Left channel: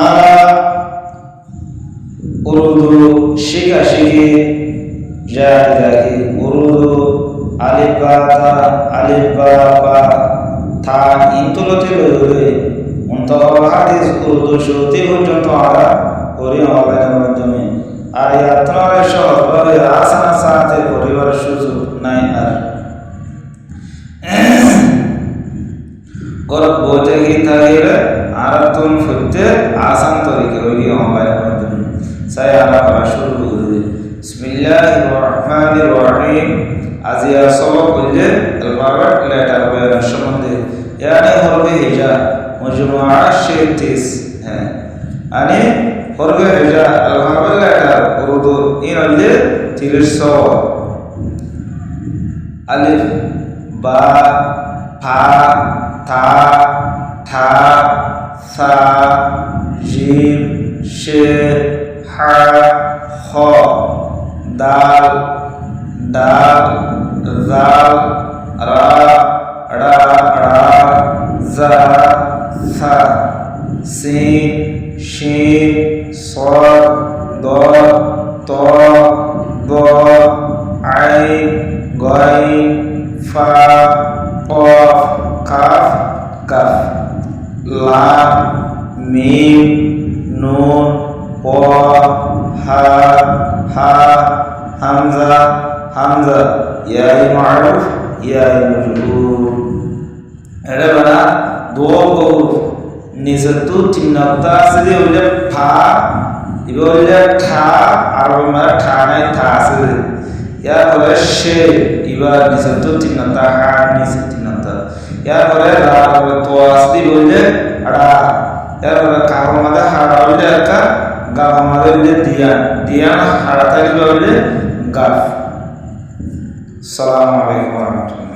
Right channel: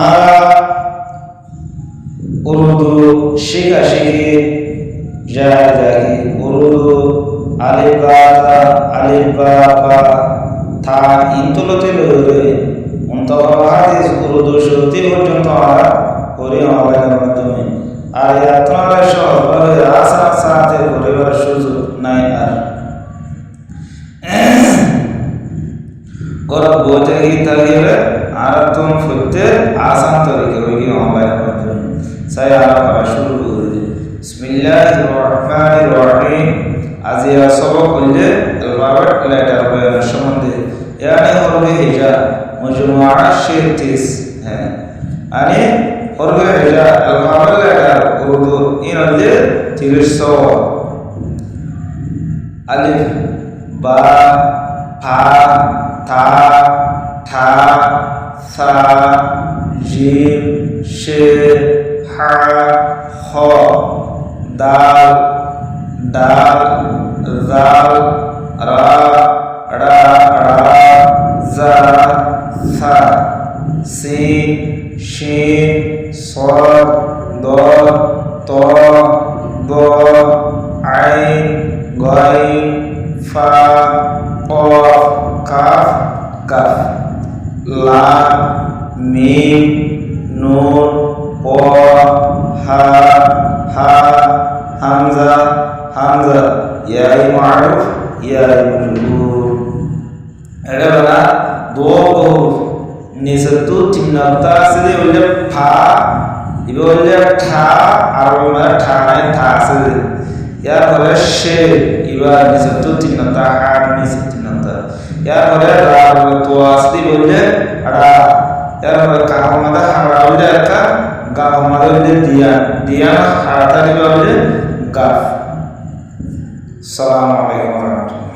আমরা উর্দু শিখি যাকি উর্দু আলিফ বা থা ইনতুলতে লইরে মুনতাহা হাদিস উর্দু শুরুতে পর্যন্ত আমরা করি অনলাইনের মাধ্যমে। আর আপনারা সহজভাবে আসান সাথে করিবার সুযোগ নাই। আর ঘরত বসে থাকিলে আর তুমি ফুটতে আসান তরিকে ওই অনলাইনের মাধ্যমে চাই আরা করা শুরু করে দিই। বিসমিল্লাহির রহমানির রহিম। আজি সবক হইলে অ্যালফাবেট লেটার বয়ানের সম্বন্ধে यानी हरफ हिजा मजमुआ 36 है यानी हरफ हिजा अल्फाबेट लेटर उर्दू इन हइले 30 अलिफ बा फा था ठा सा जीम शे हा ख दाल दाल जाल रा ड़ा ड़ा जा सा सीन शीन صاد ضاد طاء ضاء عين غين فاء قاف কাফ কাফ লাম মিম নুন প হা হা হামজা হামজা ইয়াই মারুফ ইয়াই মজরুর। এটা বানা দো বহু নিসতু তিন নক্তা আছে যে হইলে ফা ইবে হইলে ঠা আর মানে ঠা নাই থা আছে ইয়ার পরে শে ইবা নিসতু তিন নক্তা হা নিস তিন নক্তা ইয়ার পরে রা তো আছে বললে আড়া ইয়ার পরে কাফ মাদা হাড়া হইলে একটা গাফ মাদা হইলে দিয়ান দিয়ান হাড়া তালি হইলে গাফ। আসসালামু আলাইকুম ওয়া রাহমাতুল্লাহ।